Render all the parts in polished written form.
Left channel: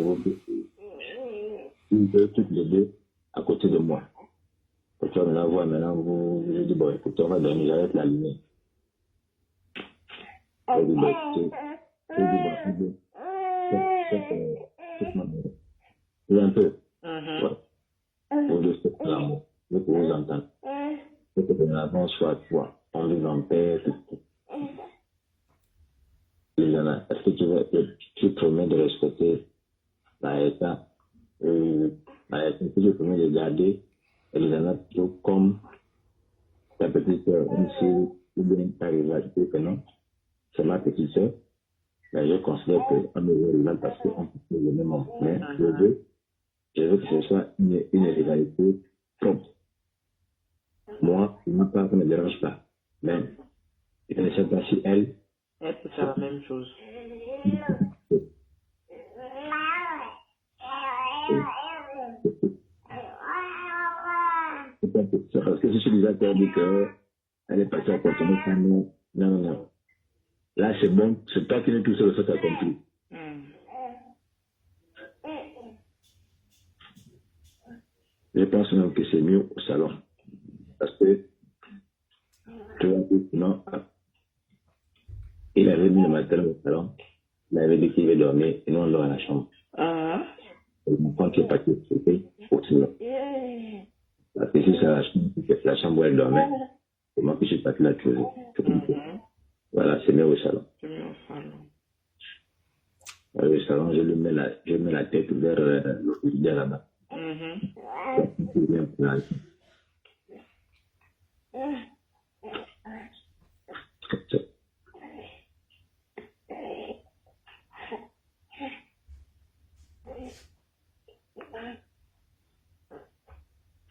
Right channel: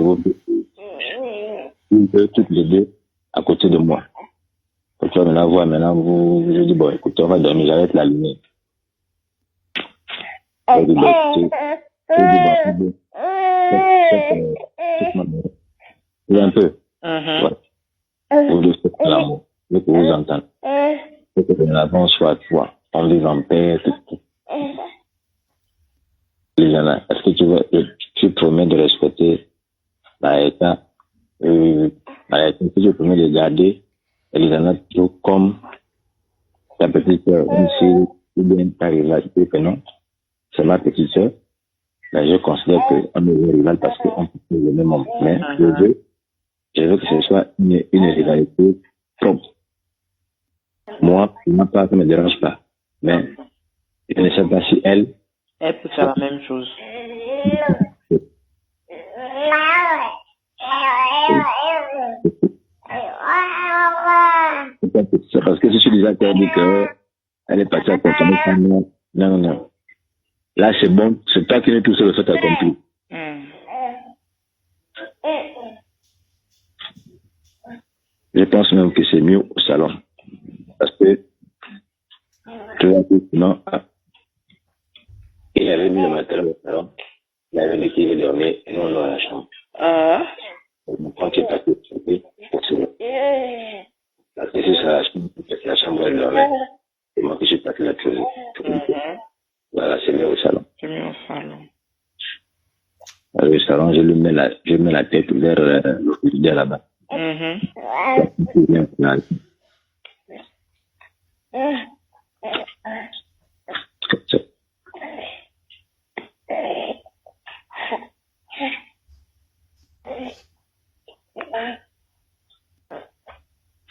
vous toutes les deux à côté de moi. Quand tu vas me la voir, maintenant, je dis, bon, écoute, on va dormir, j'arrête la lumière. Je dis, bon, un peu. Vous deux faites l'amour. Je veux que vous entendez. Je veux que nous avons soit toi. On vive en paix, tout. Liliana, est-ce que tu promets de respecter Maëta? Si tu promets de garder Liliana toujours comme ta petite sœur, même si ou bien ta rivale, que non, c'est ma petite sœur. Mais je considère qu'on est rival parce qu'on peut le même homme. Mais je veux que ce soit une rivalité propre. Moi, pour ma part, ça ne me dérange pas. Mais je ne sais pas si elle peut faire la même chose. C'est parce que si je suis déjà dit qu'elle est partie à consommer, non. Là, c'est bon, c'est pas qu'il est tout seul, ça t'a compris. Je pense même que c'est mieux au salon. Parce que, tu vois, non, il avait mis le matériel au salon, il avait dit qu'il allait dormir, et nous, on l'a à la chambre. Mon frère qui est parti au souper, au salon. Parce que si c'est la chambre où elle dormait, c'est moi qui suis parti la closer. Voilà, c'est mieux au salon. C'est mieux au salon. Alors, au salon, je mets la tête vers le frigidaire là-bas.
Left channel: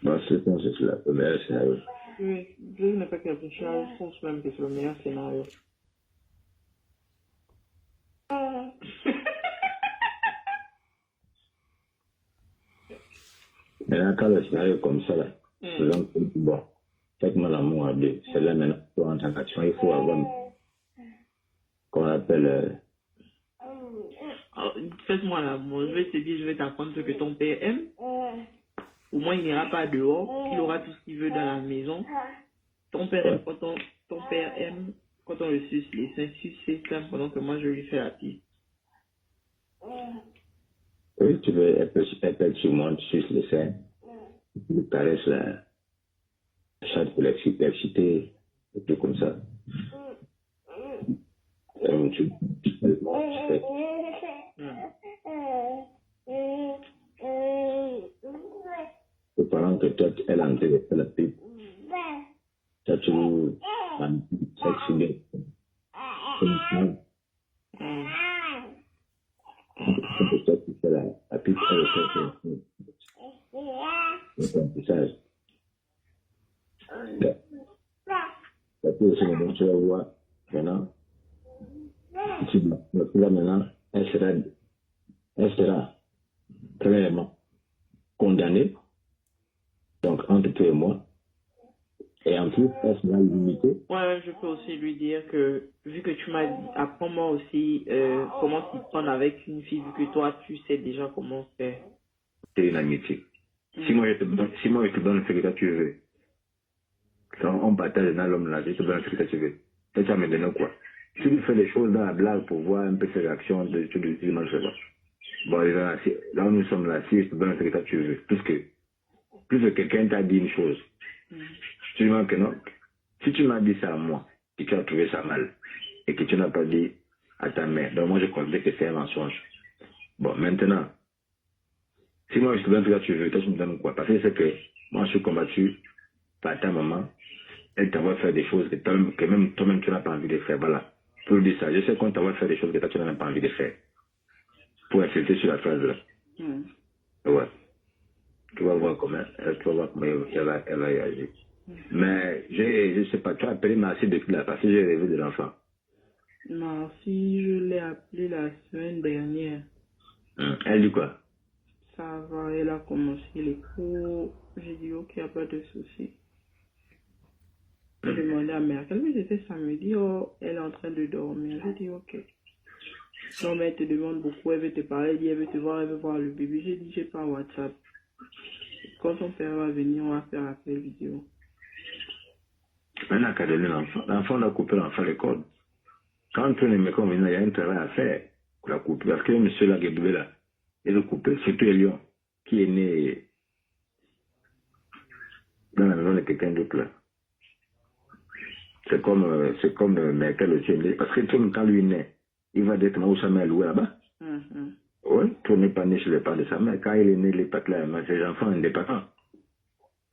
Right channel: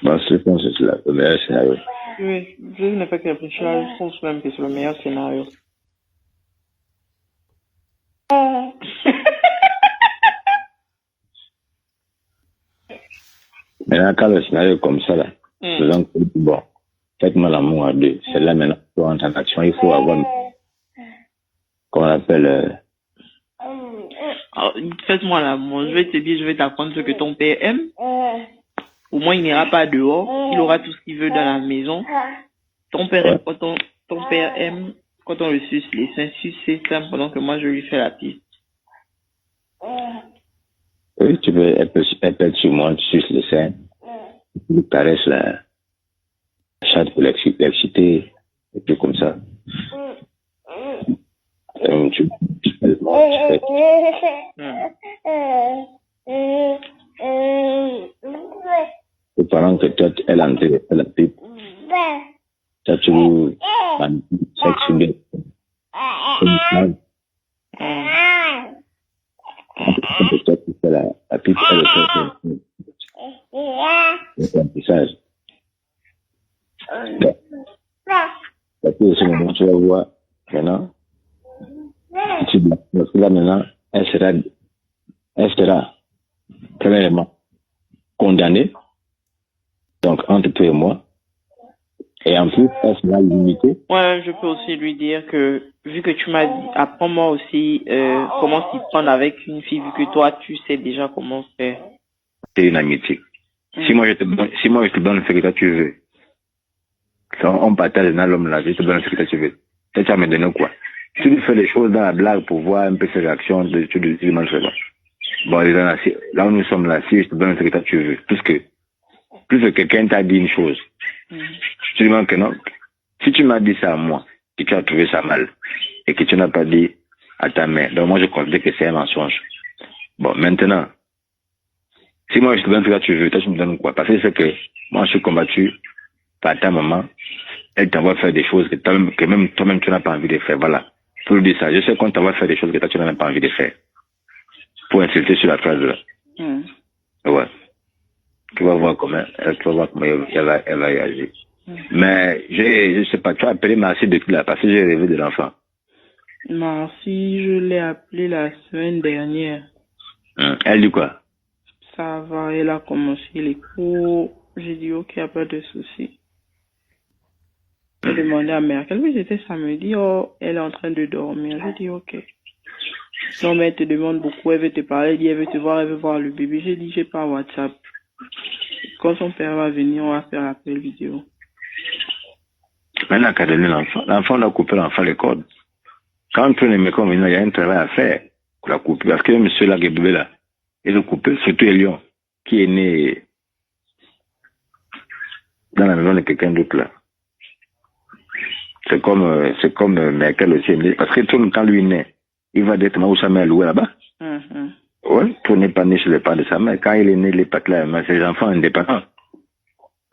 Moi, je pense que c'est le meilleur scénario. Oui, je n'ai pas que réfléchir, je pense même que c'est le meilleur scénario. Maintenant, quand le scénario est comme ça, là, donc, bon, faites-moi l'amour à deux. C'est là maintenant pour entrer en action. Il faut avoir, qu'on appelle. Faites-moi l'amour. Je vais te dire, je vais t'apprendre ce que ton père aime. Au moins, il n'ira pas dehors. Il aura tout ce qu'il veut dans la maison. Ton père aime quand ton père aime quand on le suce les seins, sucer ça pendant que moi je lui fais la piste. Oui, tu peux, elle peut être sur moi, tu suces les seins. Tu lui caresses la chatte pour l'exciter, et puis comme ça. Pendant que toi, elle a entré la pipe, ça tu sexe bien. Toi, tu fais la pipe, elle fait l'apprentissage. Parce que ce moment, tu vas voir, maintenant, parce que là, maintenant, elle sera premièrement condamnée, donc entre toi et moi, et en plus, elle sera limitée. Ouais, je peux aussi lui dire que, vu que tu m'as dit, apprends-moi aussi comment s'y prendre avec une fille, vu que toi, tu sais déjà comment faire. C'est une amitié. Si moi je te donne ce que toi tu veux, on partage dans l'homme là, je te donne ce que toi tu veux. Ça va me donner quoi? Si tu fais les choses dans la blague pour voir un peu ses réactions, tu demandes ça. Bon, là où nous sommes là, si je te donne ce que toi tu veux, plus que quelqu'un t'a dit une chose, tu demandes que non. Si tu m'as dit ça à moi, et que tu as trouvé ça mal, et que tu n'as pas dit à ta mère, donc moi je considère que c'est un mensonge. Bon, maintenant, si moi je te donne ce que tu veux, toi tu me donnes quoi? Parce que c'est que moi je suis combattu par ta maman, elle t'envoie faire des choses que même toi-même tu n'as pas envie de faire. Voilà. Pour dire ça, je sais qu'on t'envoie faire des choses que toi tu n'as même pas envie de faire. Pour insulter sur la phrase là. Ouais. Tu vas voir comment elle va réagir. Mais je sais pas, tu as appelé Marcy depuis là, parce que j'ai rêvé de l'enfant. Marcy, je l'ai appelée la semaine dernière. Elle dit quoi? Ça va, elle a commencé les cours. J'ai dit ok, pas de souci. J'ai demandé à Merkel, oui, c'était samedi, elle est en train de dormir. J'ai dit ok. Non, mais elle te demande beaucoup, elle veut te parler, elle dit, elle veut voir le bébé. J'ai dit, j'ai pas WhatsApp. Quand son père va venir, on va faire l'appel vidéo. Maintenant qu'à donner l'enfant, l'enfant doit couper l'enfant les cordes. Quand on est convenu, il y a un travail à faire pour la couper. Parce que le monsieur là, qui est bébé là, il a coupé, surtout Elion, qui est né dans la maison de quelqu'un d'autre là. C'est comme Merkel aussi. Parce que tout le quand lui est né, il va directement où sa mère louée là-bas. Oui, tout n'est pas né chez les parents de sa mère. Quand il est né, les pattes là, c'est les enfants indépendants.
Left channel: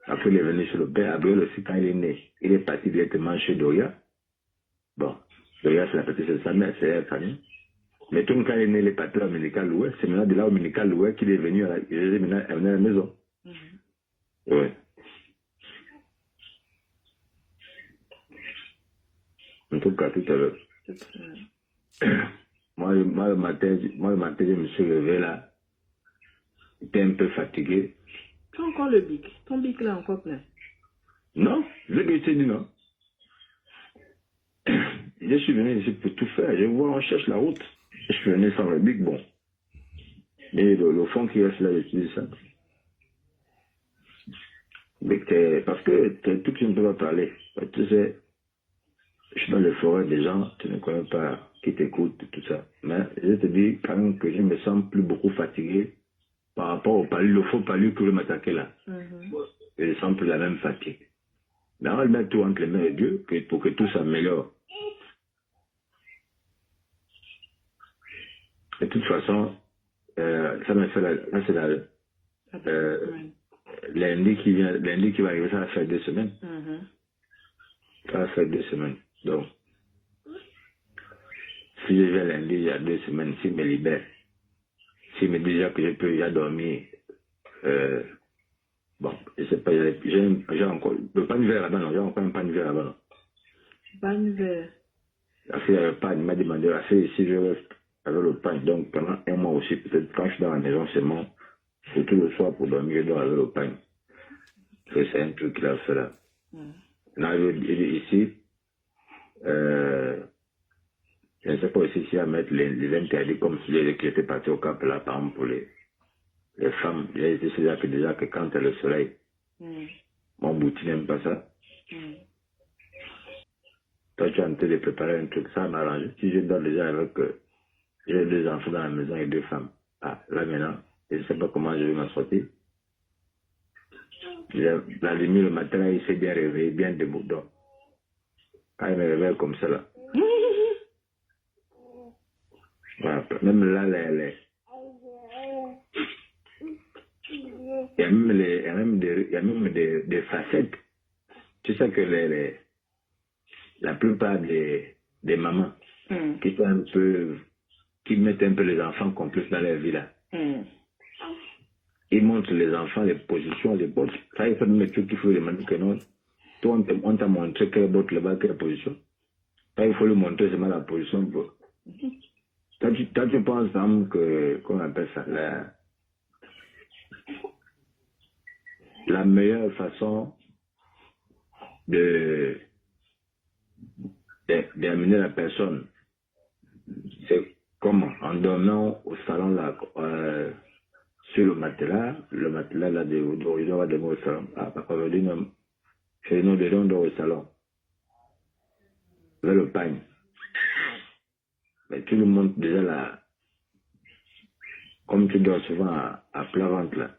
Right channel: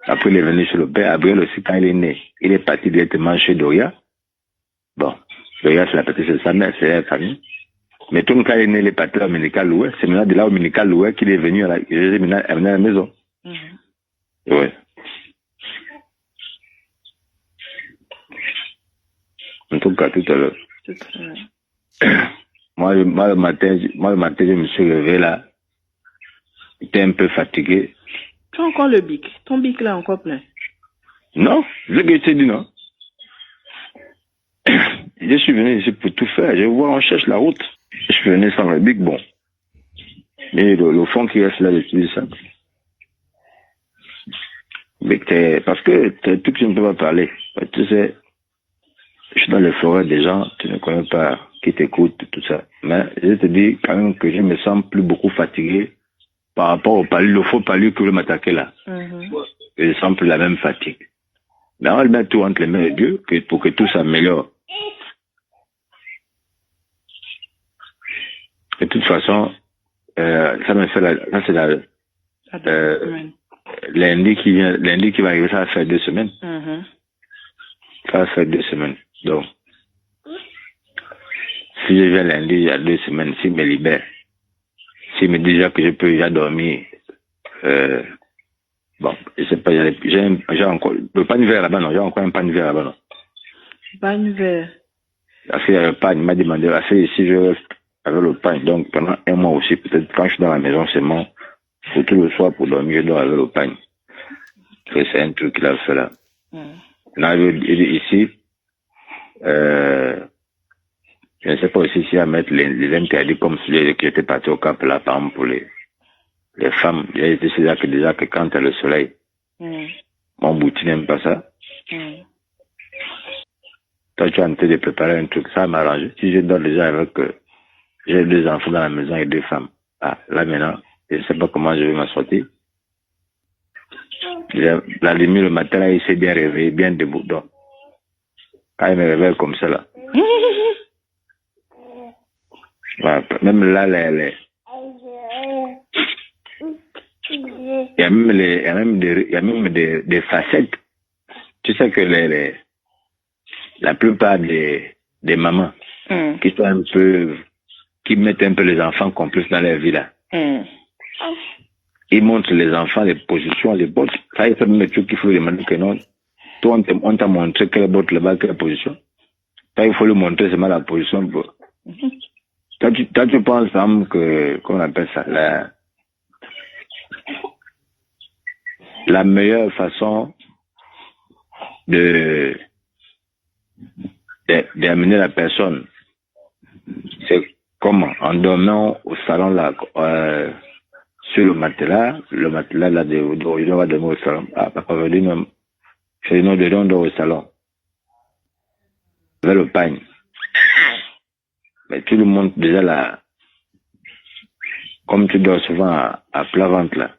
Après, il est venu chez le père. Abriel aussi, quand il est né, il est parti directement chez Doria. Bon, Doria, c'est la petite de sa mère, c'est la famille. Mais tout le quand il est né, il est parti à Ménical Loué. C'est maintenant de là au Ménical Loué qu'il est venu à la maison. Oui. En tout cas, tout à l'heure. Moi, le matin, je me suis levé là. J'étais un peu fatigué. Tu as encore le bic. Ton bic là est encore plein. Non, je t'ai dit non. Je suis venu ici pour tout faire. Je vois, on cherche la route. Je suis venu sans le bic, bon. Mais le fond qui reste là, j'utilise ça. Mais parce que tout que je ne peux pas parler. Tu sais, je suis dans les forêts des gens, tu ne connais pas, qui t'écoutent, tout ça. Mais je te dis quand même que je me sens plus beaucoup fatigué par rapport au palu, le faux palu que je m'attaquer là. Je sens plus la même fatigue. Mais on va le mettre tout entre les mains de Dieu pour que tout s'améliore. De toute façon, ça me fait ça c'est lundi qui va arriver, ça va faire 2 semaines. Ça va faire 2 semaines. Donc, si je viens lundi, il y a 2 semaines, s'il me libère, s'il me dit déjà que je peux déjà dormir, bon, je sais pas, j'ai encore, le panivert là-bas, non, j'ai encore un panivert là-bas, non. Panivert. Parce qu'il y a le pain, il m'a demandé, si je reste avec le pain, donc pendant 1 mois aussi, peut-être quand je suis dans la maison seulement, surtout le soir pour dormir, je dors avec le pain. C'est un truc qu'il a fait là. Là, ici, je ne sais pas aussi si à mettre les interdits comme celui qui était parti au Cap là, par exemple, pour les femmes. J'ai été là que déjà que quand il y a le soleil, mon boutique n'aime pas ça. Toi, tu es en train de préparer un truc, ça m'arrange. Si je dors déjà avec, j'ai 2 enfants dans la maison et 2 femmes. Ah, là maintenant, je ne sais pas comment je vais m'en sortir. La lumière le matin, là, il s'est bien réveillé, bien debout. Donc, quand il me réveille comme ça, là. Voilà, même là, il y a même des facettes. Tu sais que la plupart des mamans qui sont un peu, qui mettent un peu les enfants complices dans leur vie là. Ils montrent les enfants les positions, les bottes. Ça, il faut même truc qu'il faut demander que non. Toi, on t'a montré quelle botte là-bas, quelle position. Ça, il faut lui montrer seulement la position. Toi, tu penses, que, comment on appelle ça, la meilleure façon d'amener la personne, c'est comment? En dormant au salon là, sur le matelas là, on va dormir au salon. Ah, papa va dire non, c'est non, on dort au salon. Avec le pain. Mais tout le monde, déjà là, comme tu dors souvent à plat ventre là,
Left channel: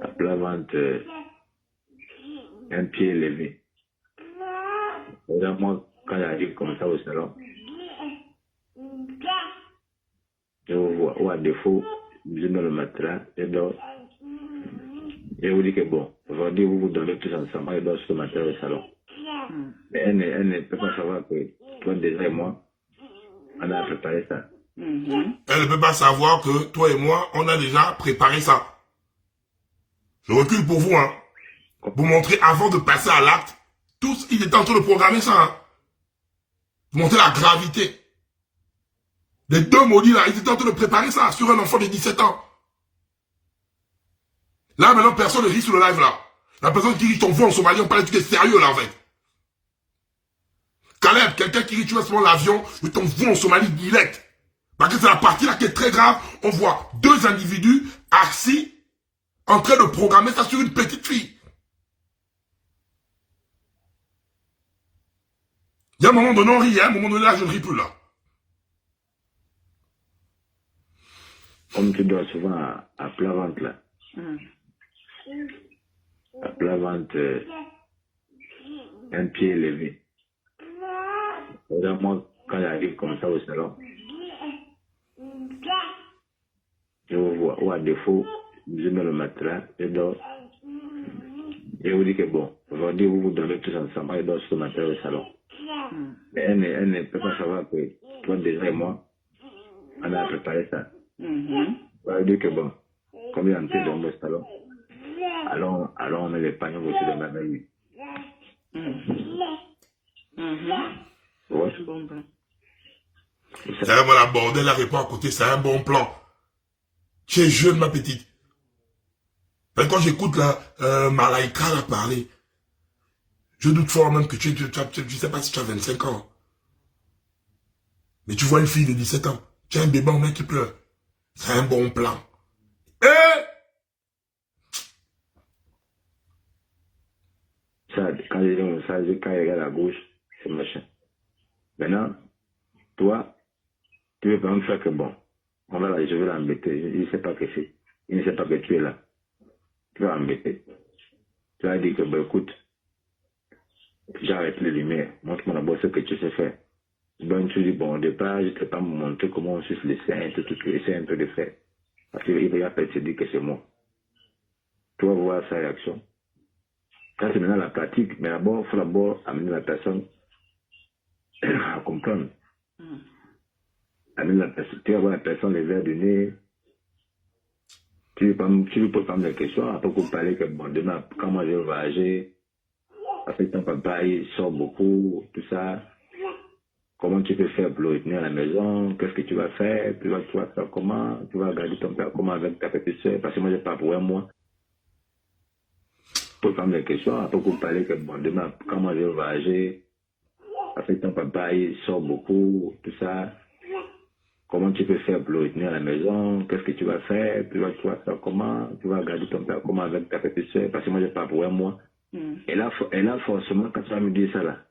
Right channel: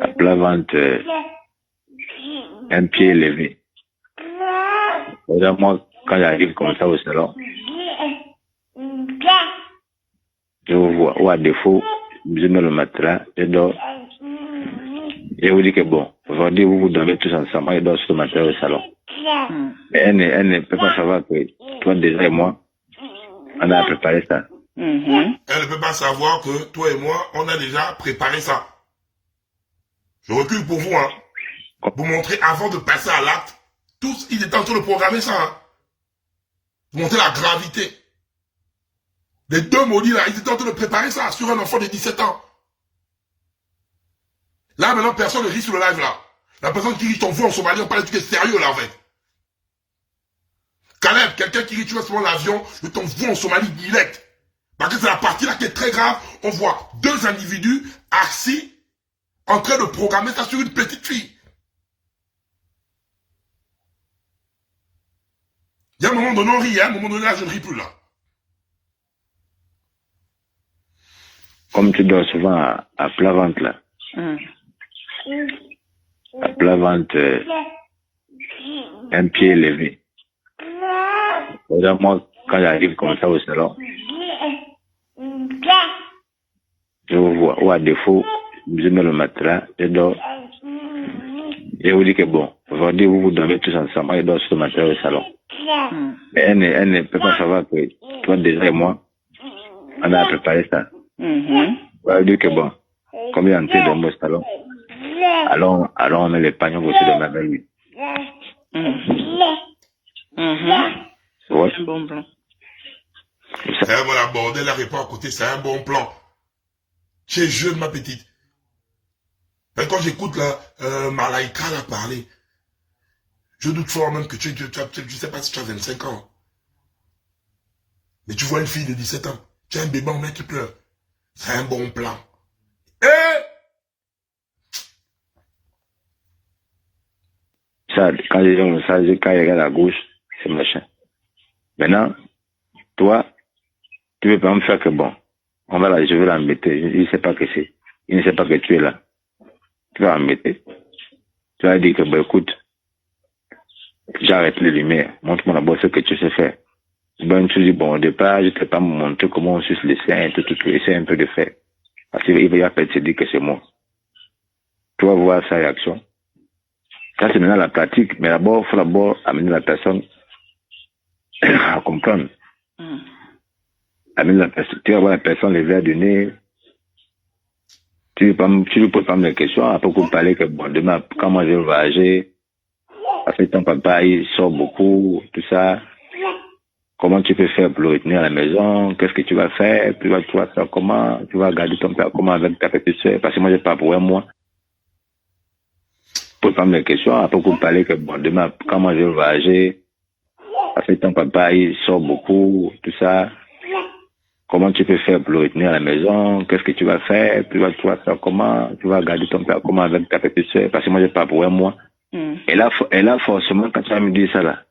à plat ventre, un pied élevé. Déjà, moi, quand j'arrive comme ça au salon, je vous vois, ou à défaut, je mets le matelas, je dors. Je vous dis que bon, aujourd'hui, vous dormez tous ensemble, moi, je dors sur le matelas au salon. Mais elle ne peut pas savoir que toi, déjà, et moi, on a préparé ça. Elle ne peut pas savoir que toi et moi, on a déjà préparé ça. Je recule pour vous, hein. Vous montrer avant de passer à l'acte, tous, ils étaient en train de programmer ça, hein. Vous montrez la gravité. Les 2 maudits là, ils étaient en train de préparer ça sur un enfant de 17 ans. Là, maintenant, personne ne rit sur le live là. La personne qui dit ton voix en Somalie, on parle de trucs sérieux là, en fait. Caleb, quelqu'un qui dit tu vas prendre l'avion, je t'envoie en Somalie direct. Parce que c'est la partie là qui est très grave. On voit 2 individus assis en train de programmer ça sur une petite fille. Il y a un moment donné, on rit, hein? Un moment donné, là, je ne ris plus, là. Comme tu dors souvent à plat ventre, là. À plat ventre, un pied élevé. Moi, quand j'arrive comme ça au salon, je vous vois, ou à défaut, je mets le matelas, je dors. Je vous dis que bon, aujourd'hui, vous dormez tous ensemble, moi, je dors sur le matelas au salon. Mais elle ne peut pas savoir que toi, déjà et moi, on a préparé ça. On va dire que bon, comme il est entré dans mon salon, alors on met les pagnons aussi de ma belle lui. Ouais. C'est un bon plan. C'est vraiment la bordel, la répond à côté, c'est un bon plan. Tu es jeune, ma petite. Mais quand j'écoute la Malaika là parler, je doute fort même que tu sais pas si tu as 25 ans. Mais tu vois une fille de 17 ans, tu as un bébé en main qui pleure. C'est un bon plan. Ça, quand les gens ça, quand ils regardent à gauche, c'est machin. Maintenant, toi, tu veux pas me faire que bon, je vais l'embêter. Il ne sait pas que c'est. Il ne sait pas que tu es là. Tu vas l'embêter. Tu vas dire que bon, écoute, j'arrête les lumières. Montre-moi d'abord ce que tu sais faire. Ben, tu dis, bon, au départ, je ne t'ai pas montré comment on suce les seins, tout, essaie un peu de faire. Parce qu'il va se dire que c'est moi. Tu vas voir sa réaction. Ça, c'est maintenant la pratique. Mais d'abord, il faut d'abord amener la personne à comprendre. Amener la personne, tu vas voir la personne les verres du nez. Tu lui poses pas mes questions. Après, vous parlez que, bon, demain, quand moi je vais voyager, parce que ton papa, il sort beaucoup, tout ça. Comment tu peux faire pour le retenir à la maison? Qu'est-ce que tu vas faire? Tu vas faire comment? Tu vas garder ton père comment avec ta petite soeur? Parce que moi, j'ai pas pour un mois. Pose pas mes questions. Après, vous parlez que, bon, demain, quand moi je vais voyager, parce que ton papa, il sort beaucoup, tout ça. Comment tu peux faire pour le retenir à la maison? Qu'est-ce que tu vas faire? Tu vas faire comment? Tu vas garder ton père comment avec ta petite soeur? Parce que moi, j'ai pas pour un mois. Et là, forcément, quand tu vas me dire ça, là,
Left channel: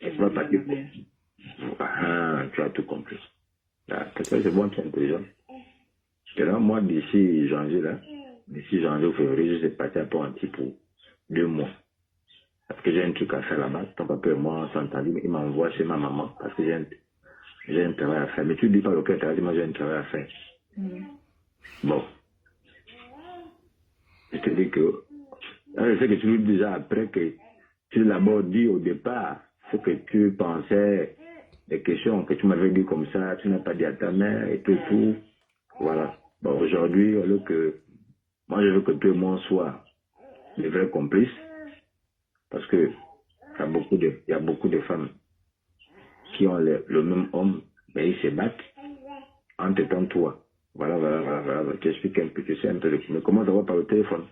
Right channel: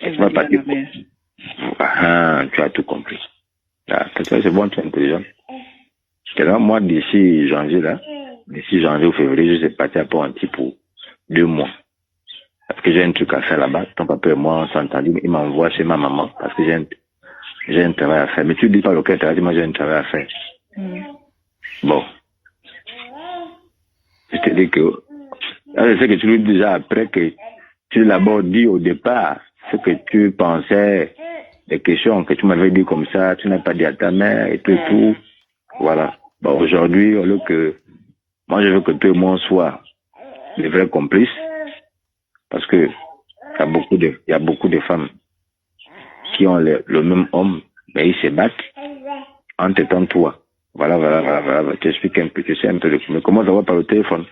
tu vas partir. Tu as tout compris. C'est bon, tu es intelligent. Alors, moi, d'ici janvier ou février, je suis parti à Port-Anti pour 2 mois. Parce que j'ai un truc à faire là-bas. Ton papa et moi, on s'est entendu. Il m'envoie chez ma maman parce que j'ai un travail à faire. Mais tu ne dis pas lequel travail, moi j'ai un travail à faire. Bon. Je te dis que, je sais que tu lui dis déjà après que tu l'as d'abord dit au départ ce que tu pensais, les questions que tu m'avais dit comme ça, tu n'as pas dit à ta mère et tout et tout. Voilà. Bon, aujourd'hui, au lieu que, moi je veux que toi et moi on soit des vrais complices parce que il y a beaucoup de femmes qui ont le même homme, mais ils se battent en t'étant toi. Voilà. Tu expliques un peu, tu sais un peu mais comment ça va par le téléphone?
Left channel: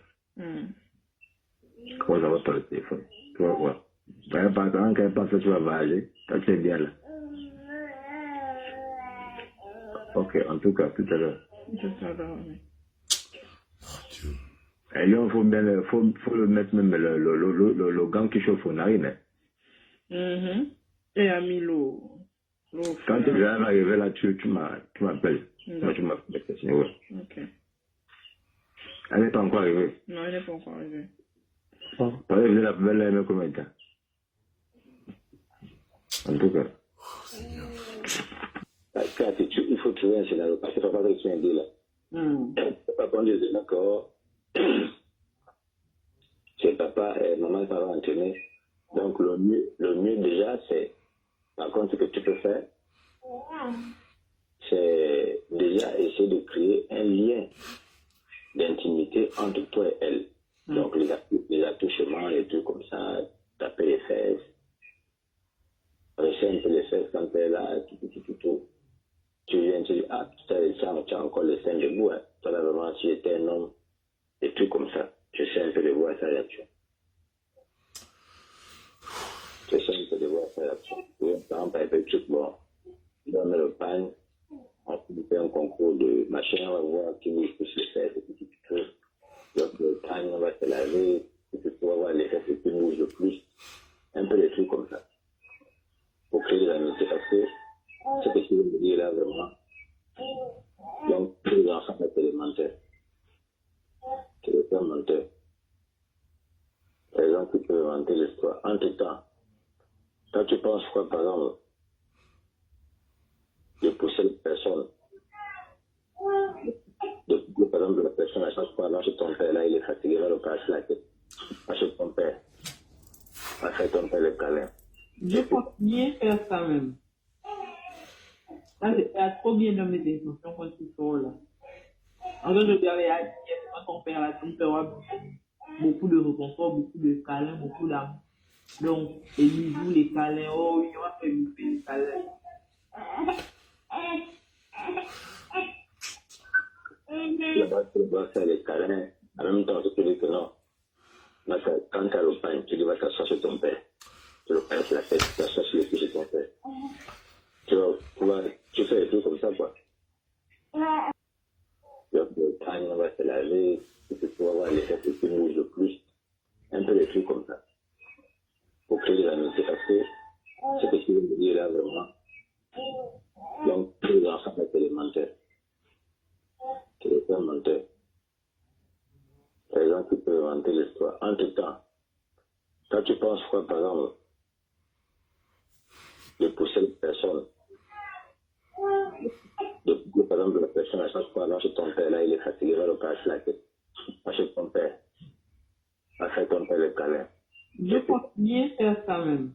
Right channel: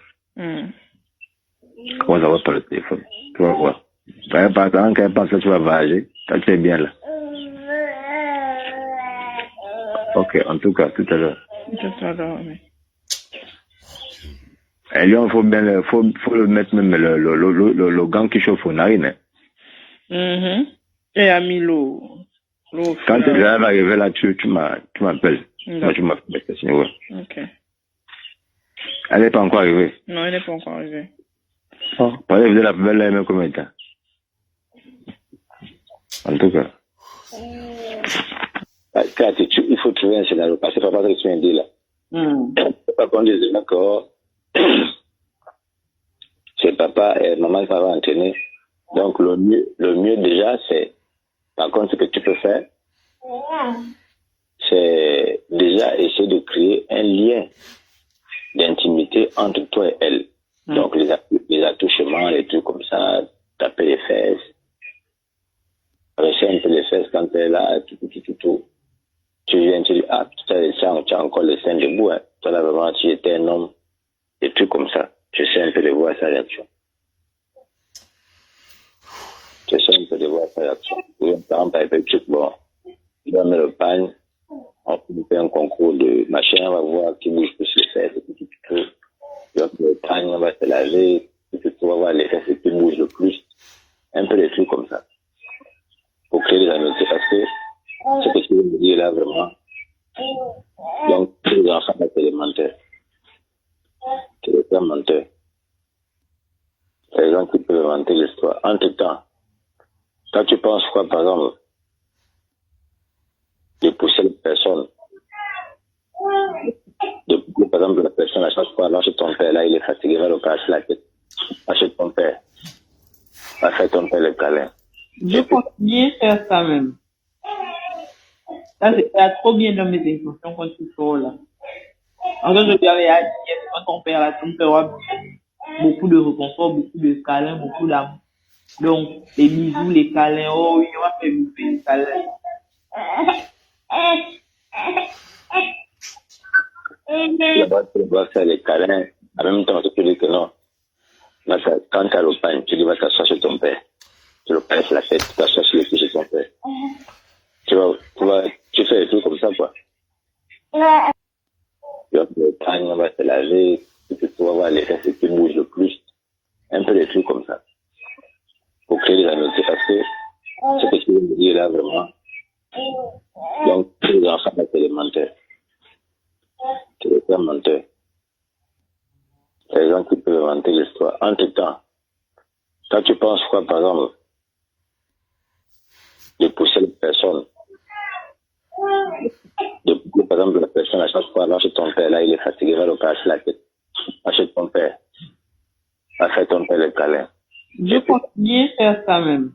Comment ça va par le téléphone? Tu vas voir. Par exemple, quand elle pense que tu vas voyager, ça tu es bien là. Ok, en tout cas, tout à l'heure. Oui. Et lui, il faut le mettre même le gant qui chauffe aux narines. Et a mis l'eau. Quand tu vas arriver là, tu m'appelles. Moi, tu m'appelles. Ouais. Ok. Elle n'est pas encore arrivée. Non, elle n'est pas encore arrivée. Par exemple, la poubelle, elle met combien de temps? En tout cas. Il faut trouver un scénario. Parce que c'est pas ce que tu viens de dire là. Pas qu'on dise, d'accord. C'est papa et maman qui va entraîner. Donc, le mieux déjà, c'est, par contre, ce que tu peux faire, c'est déjà essayer de créer un lien d'intimité entre toi et elle. Donc, les attouchements, les trucs comme ça, taper les fesses, caresser un peu les fesses quand elle est là, tout. Tu viens, tu dis, tu as encore les seins debout, hein. Toi, là, vraiment, tu étais un homme, des trucs comme ça. Je sais un peu de voir sa réaction. J'essaie un peu de voir ça. Par exemple, avec le truc, bon, il va mettre le pagne, on fait un concours de machin, on va voir qui bouge plus les fesses, et tout. Il va mettre le pagne, on va se laver, on va voir les fesses qui bougent le plus. Un peu des trucs comme ça. Pour créer des amitiés, parce que ce que tu veux me dire là, vraiment, donc, tous les enfants sont élémentaires. C'est le terme menteur. Les gens qui peuvent inventer l'histoire. Entre-temps, quand tu penses quoi, par exemple, de pousser les personnes, de pousser, par exemple, la personne à chaque fois, lâche ton père, là, il est fatigué, va le casser la tête. Lâche ton père. Va faire ton père le câlin. Je continue à faire ça même. Ça, c'est trop bien dans mes intentions quand tu sors là. En fait, je lui avais dit, quand ton père là, ton père aura beaucoup de réconfort, beaucoup de câlins, beaucoup d'amour. Donc, les bisous, les câlins, oh, il va faire bouffer les câlins. Tu dois faire les câlins. En même temps, tu peux dire que non. Quand tu as le pain, tu dis va t'asseoir sur ton père. Tu le passes la tête, tu t'assois sur le pied sur ton père. Tu fais des trucs comme ça, quoi. Tu vas le pain, on va se laver, tu vas voir les fesses qui bougent le plus. Un peu des trucs comme ça. Pour créer des amitiés, parce que ce que tu veux me dire là, vraiment, donc, tous les enfants sont élémentaires. C'est le terme menteur. Les gens qui peuvent inventer l'histoire. Entre-temps, quand tu penses quoi, par exemple, de pousser les personnes, de pousser, par exemple, la personne à chaque fois, lâche ton père, là, il est fatigué, va le casser la tête. Lâche ton père. Va faire ton père le câlin. Je continue à faire ça même.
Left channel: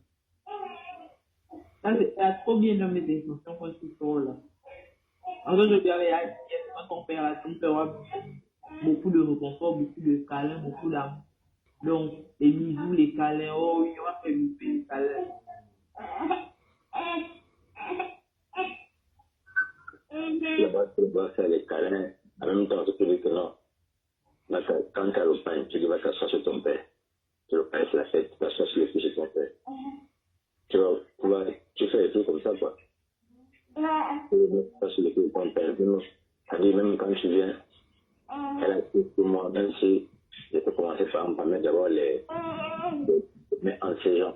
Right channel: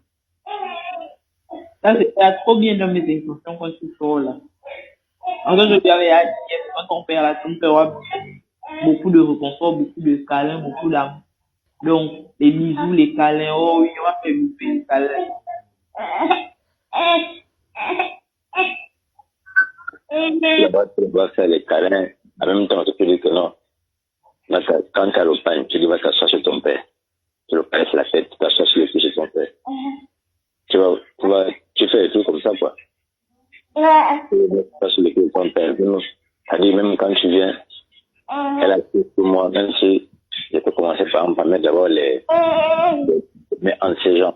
Ça, c'est trop bien dans mes intentions quand tu sors là. En fait, je lui avais dit, quand ton père là, ton père aura beaucoup de réconfort, beaucoup de câlins, beaucoup d'amour. Donc, les bisous, les câlins, oh, il va faire bouffer les câlins. Tu dois faire les câlins. En même temps, tu peux dire que non. Quand tu as le pain, tu dis va t'asseoir sur ton père. Tu le passes la tête, tu t'assois sur le pied sur ton père. Tu fais des trucs comme ça, quoi. Tu passes sur le pied de ton père. C'est-à-dire, même quand tu viens, elle a tout pour moi, même si je peux commencer par mettre d'abord les entre ses jambes.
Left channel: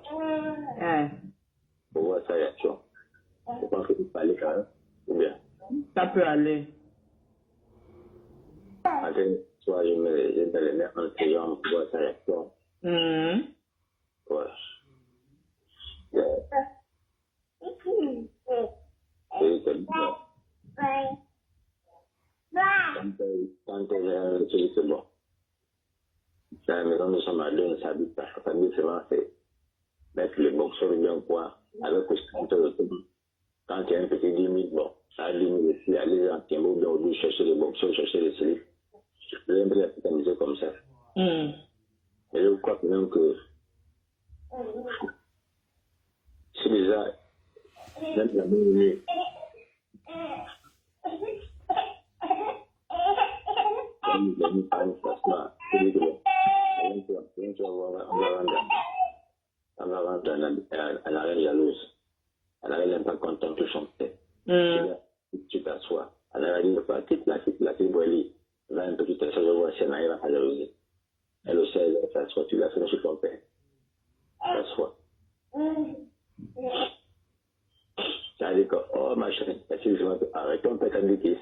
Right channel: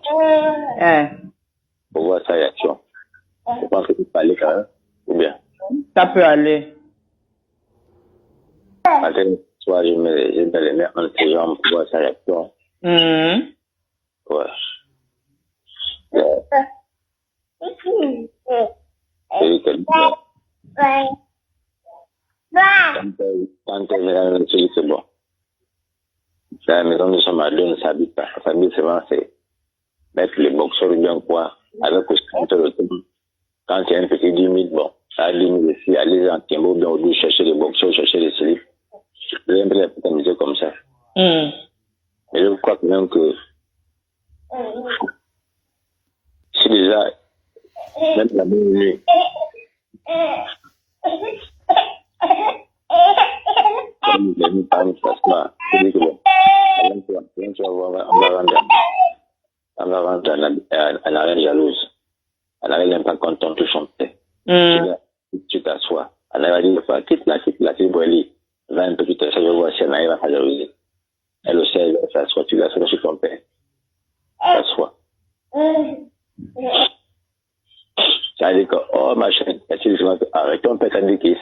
Pour voir sa réaction. Je pense que tu peux aller quand même, ou bien. Ça peut aller. Soit je mets les mains entre ses jambes pour voir sa réaction. Ouais. Quand elle vient, c'est bon. C'est la maison de son mari, on ne s'habite pas. Sa famille, c'est mettre les boxeurs bien quoi, avec le compteur de tout. Quand il y a un petit 10 000, bon, ça a 10 000 ici, aller en Timbo, bien au bout, chercher les boxeurs, chercher les slips. Je vais un peu la musique comme ça. Mais je crois quand même que si déjà, même la même nuit, comme les nuits par une façon, c'est que bon, on va rendre un arène jalouse. Elle n'avait même pas content de chanter. Tu t'assois. Elle avait dit, quitte la Boili. Va un peu plus tard, je vais voir si elle arrive à faire jalousie. Elle aussi, elle s'assoit, tu l'assois sur ton père. S'assoit. Ça veut dire que, oh, machin, avec ton père, ça dit qu'il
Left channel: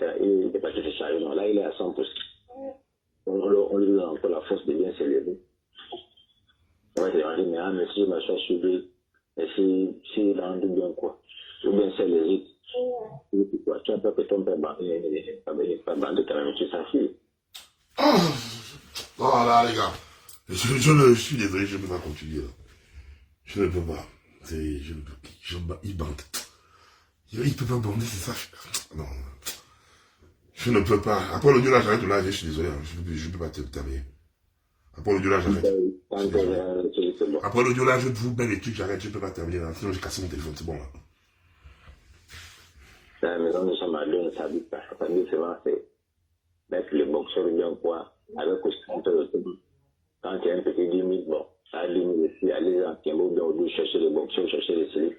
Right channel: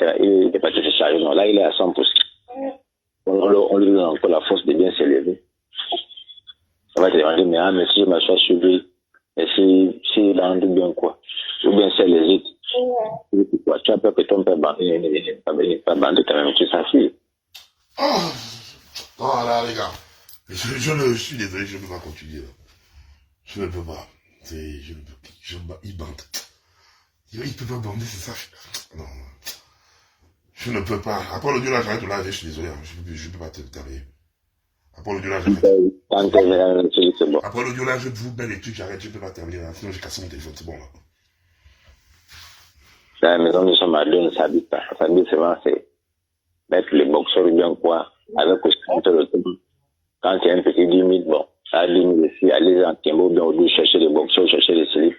n'est pas tout chargé. Non, là, il est à 100%. On lui donne encore la force de bien s'élever. On va te demander, mais si je m'assois sur lui, et si il a rendu bien quoi, ou bien si elle hésite, tu as peur que ton père n'est pas bandé quand même, tu s'en fiches. Oh là, les gars, je suis désolé, je ne peux pas continuer. Là. Je ne peux pas. Il bande. Il ne peut pas bander, c'est ça. Non. Je ne peux pas. Après l'audio là, j'arrête là, je suis désolé, je ne peux pas te terminer. Après l'audio là, j'arrête. Après l'audio là, je vous mets les trucs, j'arrête, je ne peux pas terminer là. Sinon, j'ai cassé mon téléphone, c'est bon là. La maison de son mari, on ne s'habite pas. Sa famille, c'est mettre les boxeurs bien quoi, avec le compteur de tout. Quand il y a un petit 10 000, bon, à l'île ici, aller en Timbo, bien au chercher des boxeurs, chercher des slips.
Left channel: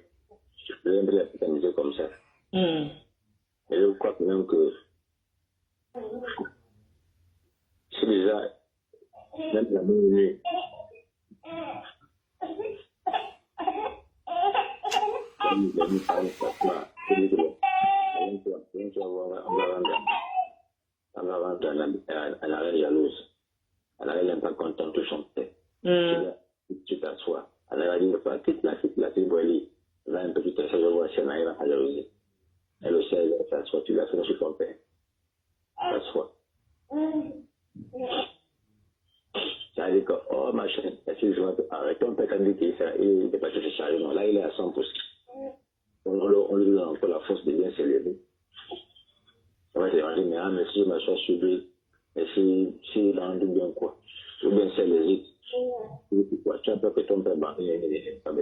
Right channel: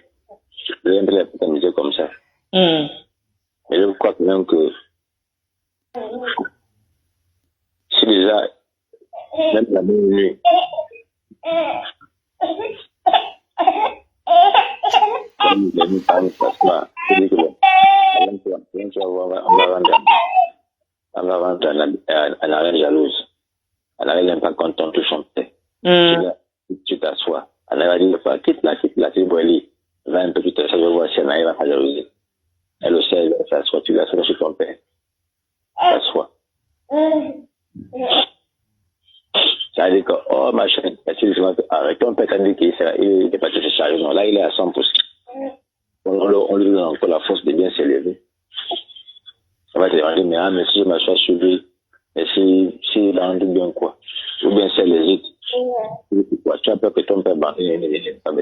Je vais un peu la comme ça. Mais je crois même que si déjà, même la même nuit, comme les amis parlent, je dis que on va rendre un arène jalouse. Elle n'avait même pas content tout son père. Tu t'assois. Elle va dire, quitte la, tu vois, elle va un peu plus t'asseoir, je vois si elle arrive à faire jalousie. Elle aussi, elle va s'asseoir, tu l'assois sur ton père. T'assois. Ça veut dire que, oh, machin, avec ton père, quand il dit qu'il n'est pas tout chargé, non, là, il est à 100%. On lui donne encore la force de bien s'élever. On va te dire, mais si je m'assois sur lui, et si il a rendu bien quoi, ou bien c'est les autres, quoi, tu as peur que ton père pas bandé quand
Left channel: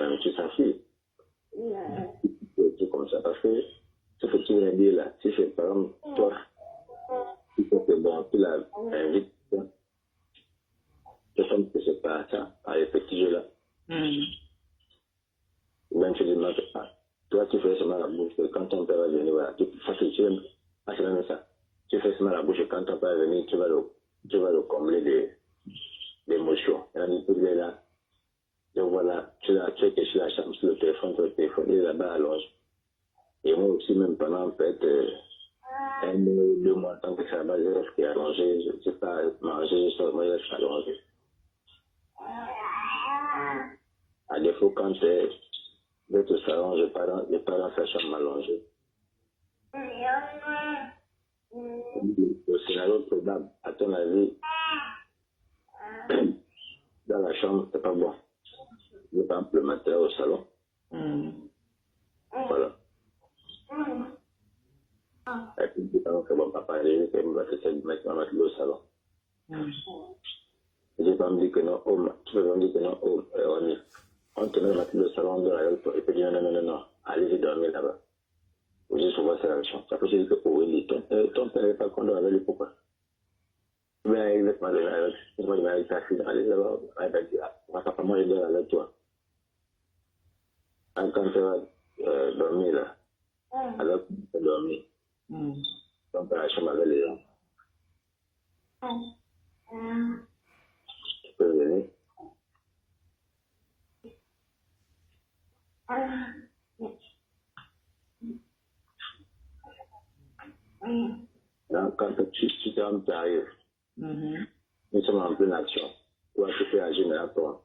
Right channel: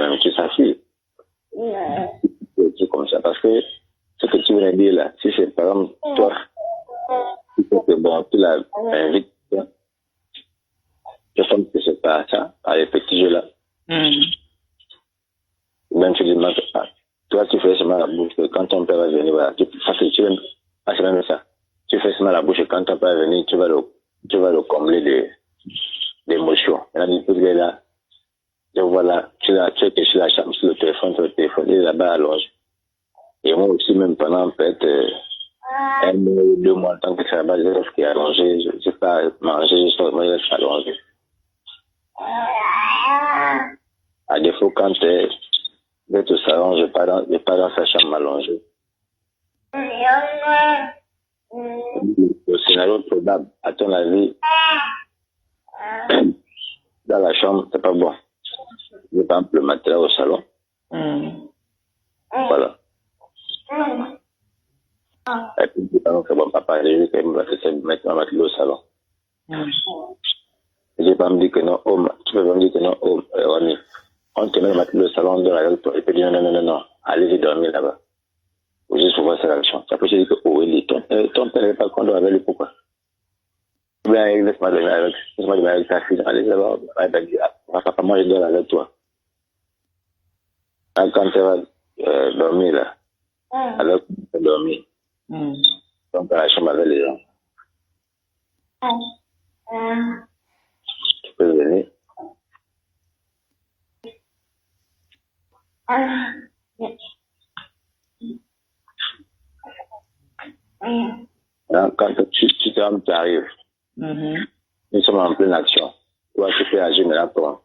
même, tu sa fille. C'est comme ça, parce que ce que tu viens de dire là, si c'est par exemple toi, tu sais que bon, tu l'as invité, je pense que c'est pas ça, à les petits jeux là. Même tu dis, toi tu fais seulement la bouche, quand ton père va venir, voilà, c'est même ça. Tu fais seulement la bouche et quand ton père va venir, tu vas le combler d'émotions. Et là, il est là, et voilà, tu es sur la chambre, sur le téléphone, il est là-bas allongé. Et moi aussi, même pendant peut-être 1 mois ou 2 mois, tant que c'est là-bas, je reste allongé, je ne sais pas manger, je reste allongé. À défaut, quand je vais au salon, je ne vais pas dans sa chambre allongée. Le scénario probable, à ton avis, dans la chambre, c'est pas bon. Je prends le matériel au salon. Voilà. Et puis, je dis que bon, papa, j'ai vu qu'il me mettre ma matériel au salon. Je ne vais pas me dire que non, tu peux pas me dire que non, on te met le matériel au salon, on dort avec toi, et puis dire non, allez-y dormir là-bas. Ou juste pour voir sa réaction. Après, je dis que, ton père n'est pas content avec lui, pourquoi? Ou bien, laisse-moi dormir avec ta fille, allez là-bas, papa, moi je dors avec toi. Quand tu vas dormir là, alors que tu vas dormir, donc à la chambre avec les gens, tu peux venir. Quand tu arrives, nous sommes en pleine action. Toi, tu peux agir maintenant toi.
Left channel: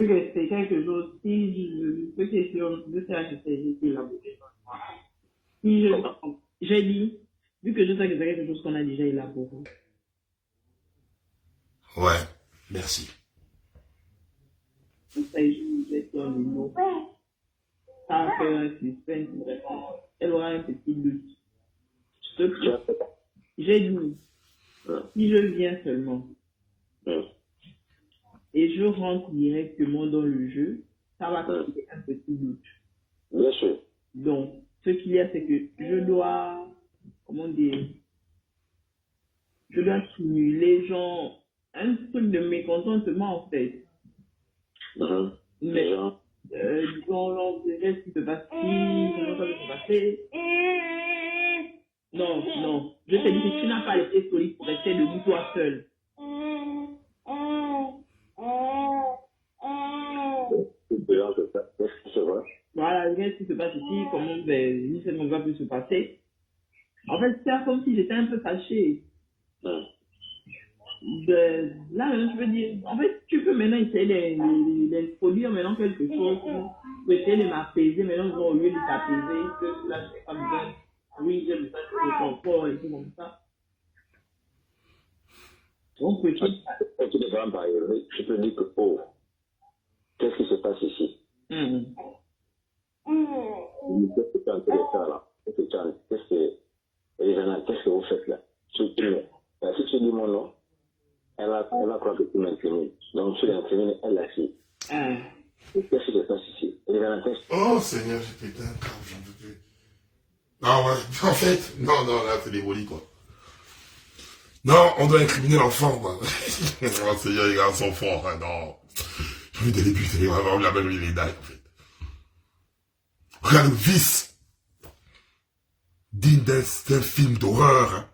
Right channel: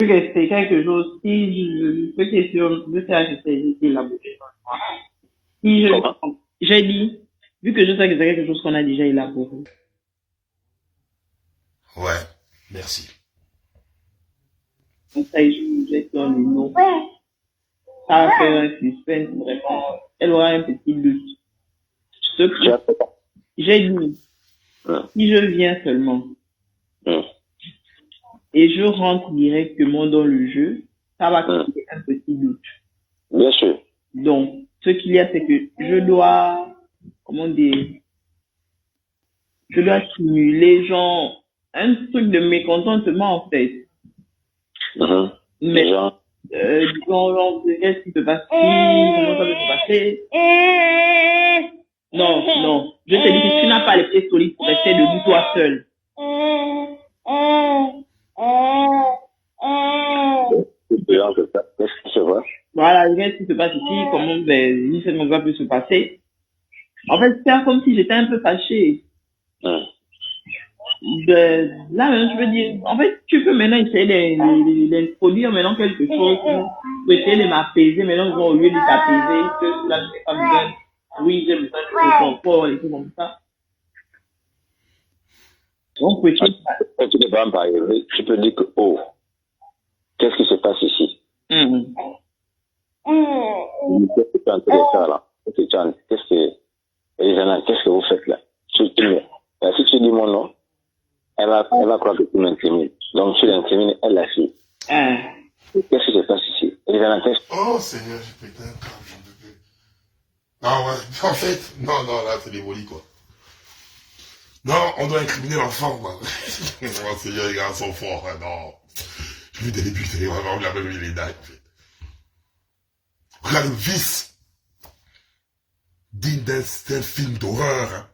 Je vais essayer quelque chose. Si je peux question, je sais que c'est la bouche. Si j'ai dit, vu que je sais que c'est quelque chose qu'on a déjà élaboré. Ouais, merci. Donc ça, je vais faire le nom. Ça va faire un suspense, vraiment. Elle aura un petit doute. Ce que j'ai dit, si je viens seulement, et je rentre directement dans le jeu, ça va créer un petit doute. Bien sûr. Donc, ce qu'il y a, c'est que je dois, je dois simuler genre un truc de mécontentement en fait. Mais disons, genre, qu'est-ce qui se passe ici, comment ça peut se passer? Non, je te dis que tu n'as pas les pieds solides pour rester debout toi seul. Qu'est-ce qui se passe? Voilà, qu'est-ce qui se passe ici, comment cette chose peut se passer. En fait, c'est comme si j'étais un peu fâché. Là, je veux dire, en fait, tu peux maintenant essayer d'introduire maintenant quelque chose pour essayer de m'apaiser. Maintenant, au lieu de t'apaiser, que là, je n'ai pas besoin. Oui, j'ai besoin de confort et tout comme ça. Donc, quand tu ne peux pas arriver, tu peux dire que, qu'est-ce qui se passe ici? Qu'est-ce que tu es en train de faire là? Qu'est-ce que vous faites là? Si tu dis mon nom, elle va croire que tu m'intimides. Donc tu l'intimides, elle la fille. Qu'est-ce qui se passe ici? Et Valentin, Oh Seigneur, j'ai pété un câble, j'en peux plus. Ah ouais, en fait, non, là, c'est l'évolu, quoi. Non, on doit incriminer l'enfant, quoi. Oh Seigneur, les gars sont forts, hein, non. J'ai vu des députés, vraiment, la même les dailles, en fait. Regarde le vice. Digne d'un film d'horreur, hein.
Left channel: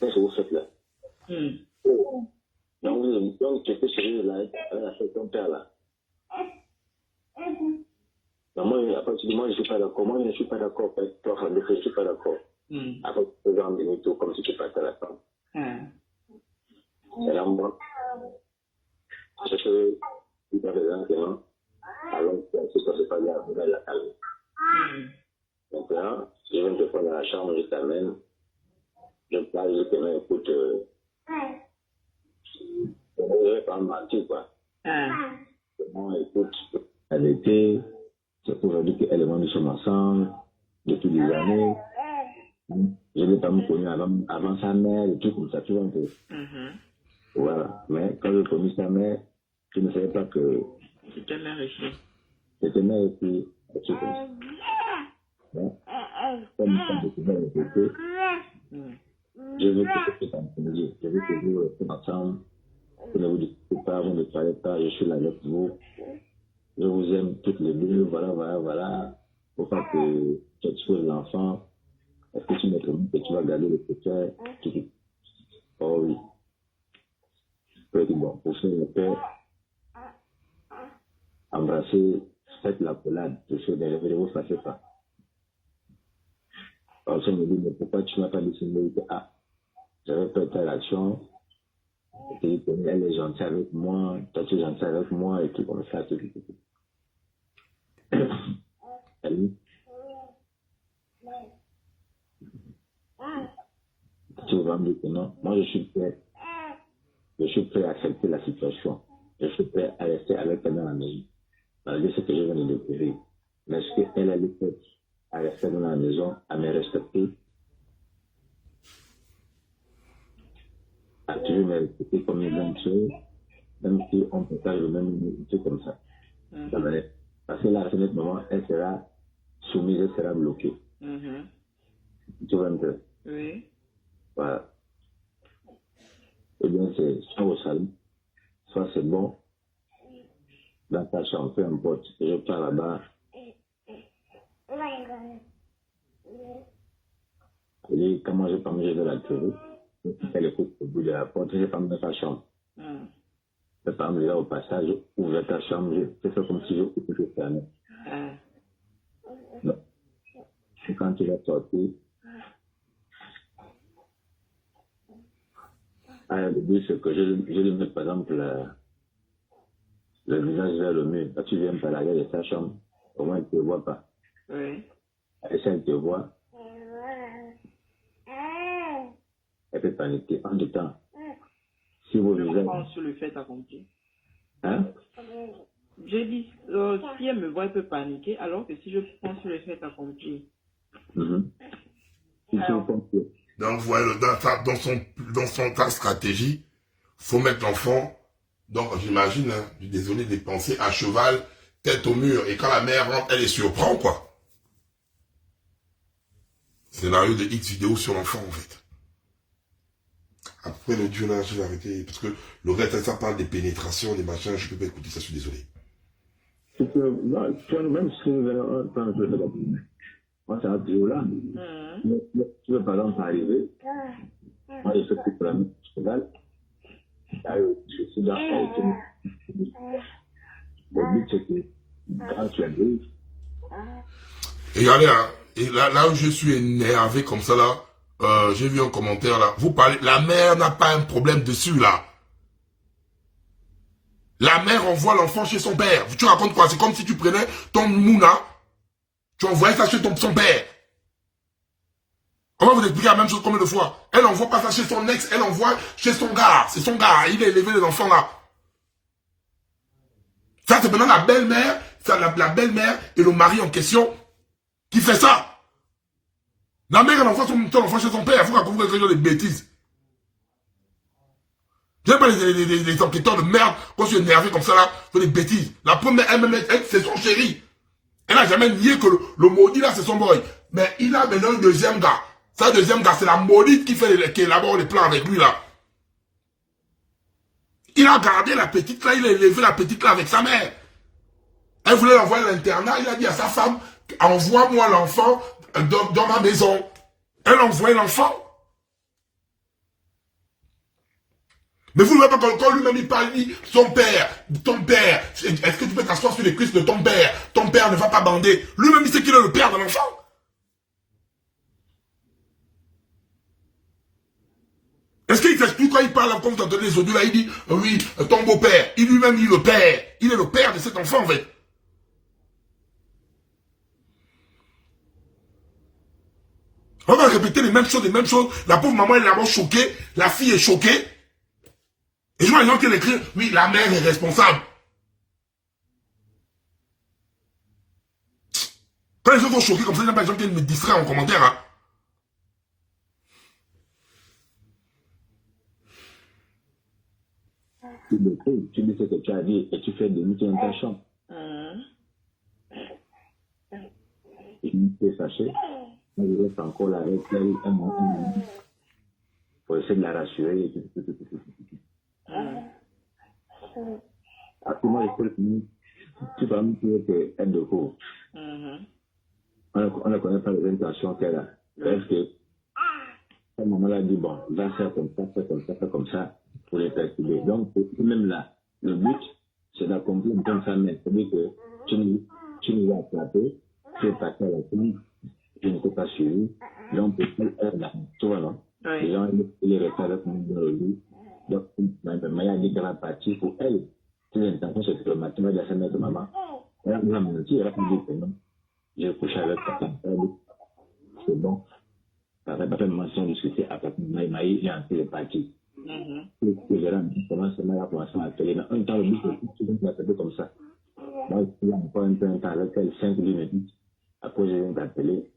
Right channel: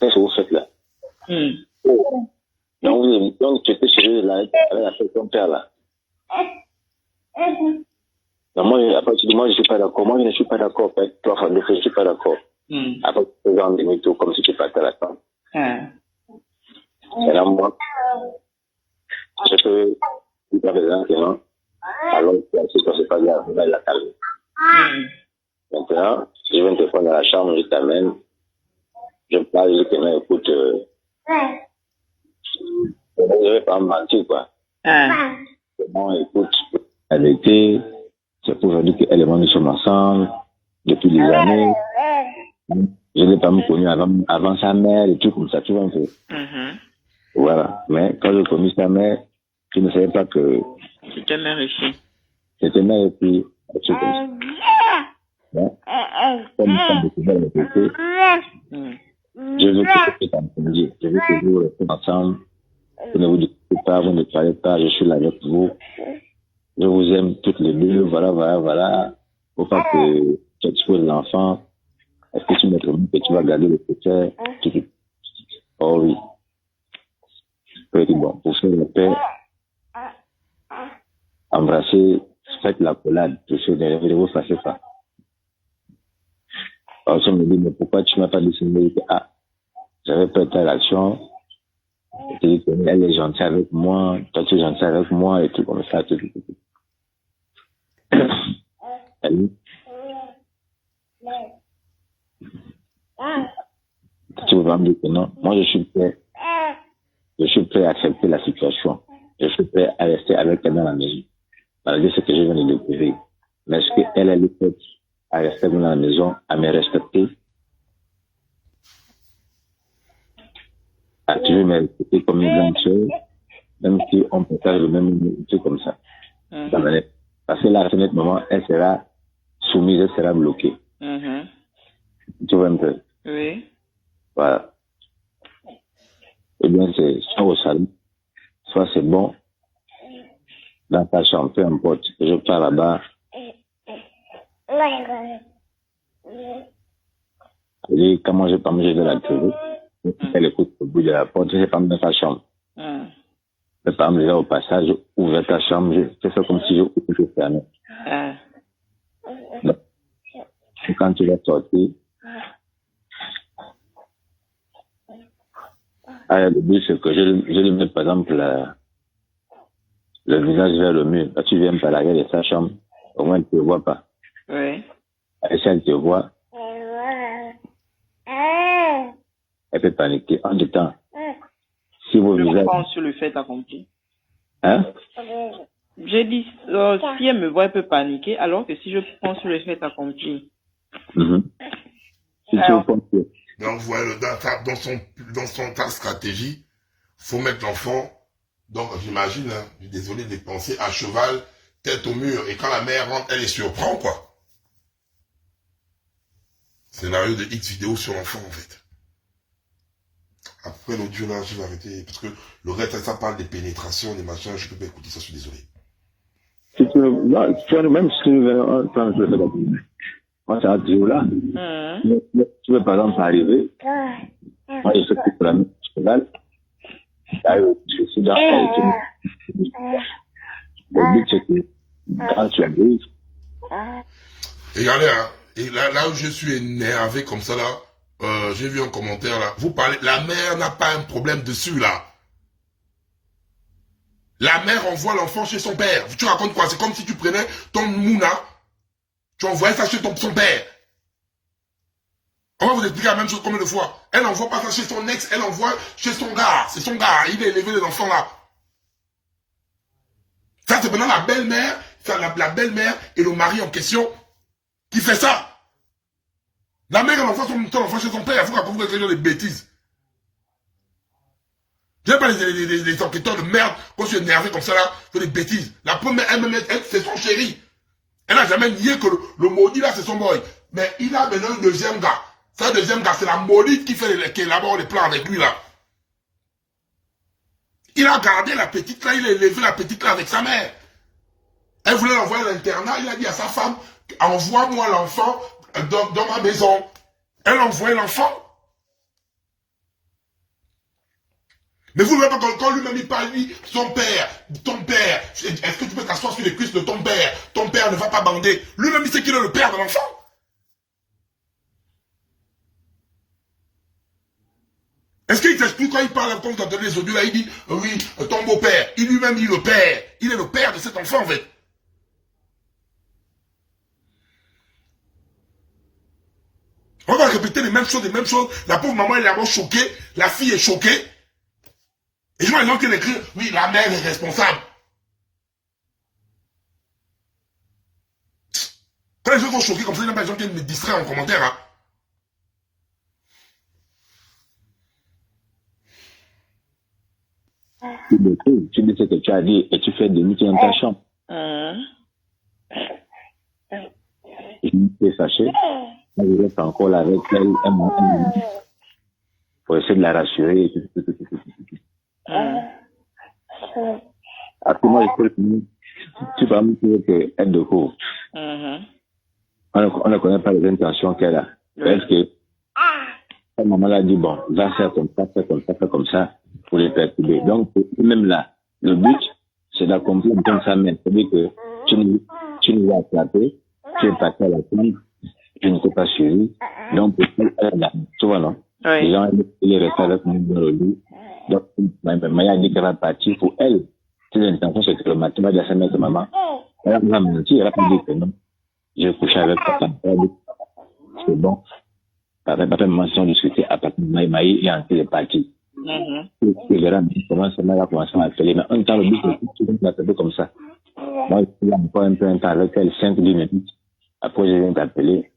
qu'est-ce que vous faites là? Donc, tu étais chez eux là, avec ton père là. Non, moi, à partir de moi, je ne suis pas d'accord. Moi, je ne suis pas d'accord avec toi, enfin, je ne suis pas d'accord. Après, tu fais des mythos comme si tu partais à la table. Et là, moi, je peux lui parler maintenant, alors que ça c'est pas grave, on va la calmer. Maintenant, je viens te prendre dans la chambre, je t'amène, je parle, je te dis, écoute, je ne vais pas me mentir, quoi. Bon, écoute, elle était, c'est pour aujourd'hui qu'elle et moi nous sommes ensemble depuis des années. Je n'ai pas me connu avant sa mère et tout comme ça, tu vois un peu. Voilà. Mais quand j'ai connu sa mère, je ne savais pas que C'était mère et fille. c'était mère et fille, un truc comme ça. Bon. Comme ça, découvert le côté, je veux que tu t'entendiez. Je veux que vous restez ensemble. Vous ne vous dites pas, vous ne parlez pas, je suis là avec vous. Je vous aime toutes les deux, voilà. Faut pas que tu exposes l'enfant. Est-ce que tu me promis que tu vas garder le secret? Oh oui. Je dis bon, pour faire le paix, embrasser, faites la collade, ne vous fassiez pas. Alors, on me dit, mais pourquoi tu m'as pas décidé que, j'avais pas été à l'action, elle est gentille avec moi, toi tu es gentil avec moi, et tout comme ça, tout. Elle dit, tu vas me dire que non, moi je suis prêt à accepter la situation, je suis prêt à rester avec elle dans la maison, malgré ce que je viens de découvrir. Mais est-ce qu'elle est prête à rester dans la maison, à me respecter, à toujours me respecter comme une grande sœur, même si on peut faire le même truc comme ça. Parce que là, à ce moment, elle sera soumise, elle sera bloquée. Tu vois un peu? Oui. Voilà. Eh bien, c'est soit au salon, soit c'est bon, dans ta chambre, peu importe. Je pars là-bas. Et quand moi je pas manger de la télé, elle écoute au bout de la porte, je pas dans ta chambre. Je pas me au passage, j'ouvre ta chambre, je fais ça comme si je fermais. Quand tu vas sortir, le but c'est que je lui mets par exemple le visage vers le mur. Quand tu viens par l'arrière de sa chambre, au moins elle ne te voit pas. Oui. Et si elle te voit, elle peut paniquer. En du temps, si vos visages... Je pense sur le fait accompli. Hein? J'ai dit, si elle me voit, elle peut paniquer, alors que si je pense sur le fait accompli. Si Alors, tu penses que... Donc, voilà, dans ta stratégie, faut mettre l'enfant, donc j'imagine, hein, désolé, des pensées à cheval, tête au mur, et quand la mère rentre, elle les surprend, quoi. Scénario de X vidéo sur l'enfant, en fait. Après l'audio, là, je vais arrêter, parce que le reste, ça parle des pénétrations, des machins, je peux pas écouter ça, je suis désolé. Si tu veux, non, tu vois, même si tu veux, quand je le fais moi, c'est un trio là. Tu veux, par exemple, arriver, moi, je sais que pour la même cheval, je suis dans le but, c'est que quand tu arrives... Et regardez, hein, et là où je suis énervé comme ça, là, j'ai vu un commentaire, là, vous parlez, la mère n'a pas un problème dessus, là. La mère envoie l'enfant chez son père. Tu racontes quoi? C'est comme si tu prenais ton mouna, tu envoyais ça chez son père. On va vous expliquer la même chose combien de fois. Elle n'envoie pas ça chez son ex, elle envoie chez son gars. C'est son gars, il a élevé les enfants là. Ça, c'est maintenant la belle-mère, la belle-mère et le mari en question qui fait ça. La mère, elle envoie son enfant chez son père. Il faut qu'on vous des bêtises. J'aime pas les enquêteurs de merde, quand je suis énervé comme ça là, font des bêtises. La première, elle c'est son chéri. Elle n'a jamais nié que le maudit là, c'est son boy. Mais il a maintenant un deuxième gars. Ça, deuxième gars, c'est la maudite qui élabore les plans avec lui là. Il a gardé la petite là, il a élevé la petite là avec sa mère. Elle voulait l'envoyer à l'internat, il a dit à sa femme, envoie-moi l'enfant dans ma maison. Elle a envoyé l'enfant. Mais vous ne voyez pas quand lui-même il parle, il dit, ton père, est-ce que tu peux t'asseoir sur les cuisses de ton père ne va pas bander. Lui-même il sait qu'il est le père de l'enfant. Est-ce qu'il s'explique quand il parle comme dans les audios là, il dit, oui, ton beau-père, il lui-même il est le père. Il est le père de cet enfant en fait. On va répéter les mêmes choses. La pauvre maman elle est vraiment choquée, la fille est choquée. Et je vois les gens qui l'écrivent, oui, la mère est responsable. Quand les gens sont choqués comme ça, il n'y a pas des gens qui me distraient en commentaire. Hein. Tu dis ce que tu as dit et tu fais demi dans ta chambre. Et tu es fâché. Je reste encore là avec elle un moment pour essayer de la rassurer. Après moi, tu vas me dire qu'elle de court. On ne connaît pas les intentions qu'elle a. Parce que sa maman l'a dit, bon, va faire comme ça, faire comme ça, pour les perturber. Donc, même là, le but, c'est d'accomplir dans sa main. C'est-à-dire que tu nous as attrapé, tu es parti à la tombe, tu ne t'es pas suivi. Donc, elle là, tu vois, non? Oui. Les gens, il est resté avec moi dans le lit. Donc, Maya a dit qu'elle va partir pour elle. C'est l'intention, c'est que le matin, va dire à sa mère de maman. Elle va mentir, elle va pas dire que non. J'ai couché avec papa. C'est bon. Papa et maman sont discutés à partir de Maï et ensuite est parti. Il verra comment ça va commencer à m'appeler. Mais un temps, le but, c'est que tu vas m'appeler comme ça. Moi, je suis encore un peu un temps avec elle, 5-10 minutes. Après, je viens t'appeler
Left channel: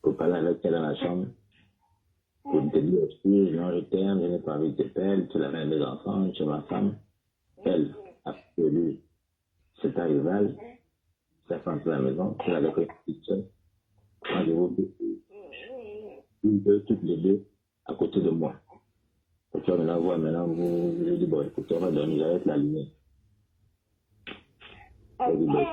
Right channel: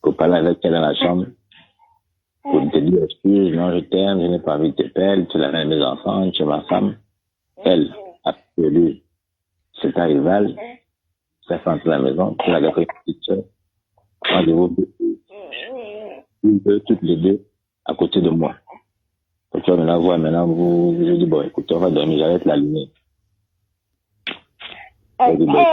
pour parler avec elle dans la chambre. Pour te dire, excuse, non, je t'aime, je n'ai pas envie de te perdre, tu l'as à mes enfants, tu es ma femme. Elle a perdu c'est ta rivale, ça fait entrer à la maison, tu l'as gardé une petite soeur. Moi, je vous toutes les deux à côté de moi. Quand tu vas me la voir, maintenant, je dis, bon, écoute, on va dormir, j'arrête la lumière. Je dis, bon,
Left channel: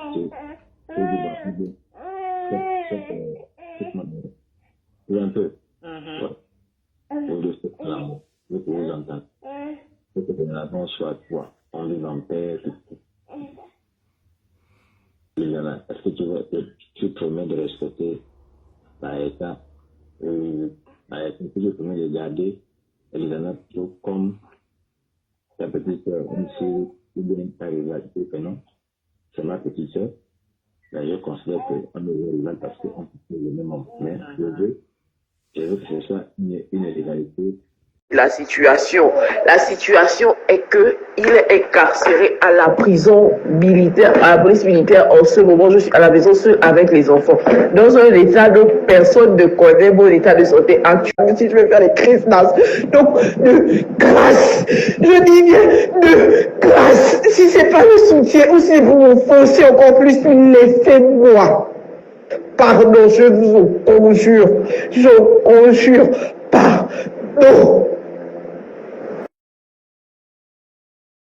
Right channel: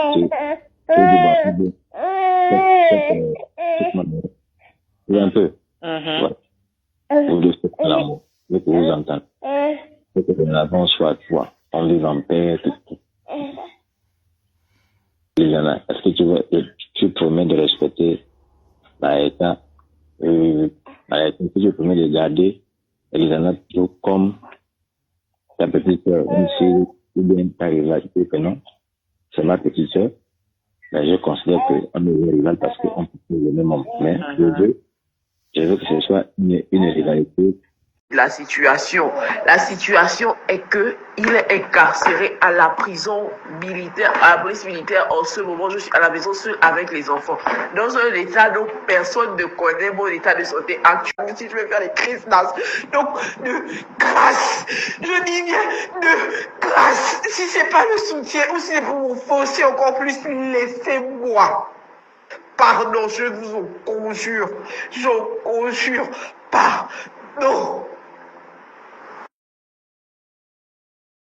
un peu. Ouais. Vous deux, c'est pas l'amour. Je veux que vous entendez. Je veux que l'avant soit à toi. On vive en paix, tout. Est-ce que tu promets de respecter Maïka? Maïka, tu promets de garder Elisana toujours comme ta petite soeur, même si ou bien ta rivalité, que non, c'est ma petite soeur. Mais je considère qu'on est rival parce qu'on peut faire le même homme. Mais je veux que ce soit une rivalité. La situation est que il est incarcéré à la prison militaire, à la police militaire. En ce moment, je suis à la maison seule avec les enfants. Dans un état dont personne ne connaît mon état de santé actuel. Si je veux faire le Christmas, donc de grâce, je dis bien de grâce. Si c'est pas le soutien ou si vous me forcez encore plus, laissez-moi. Pardon, je vous conjure, pardon.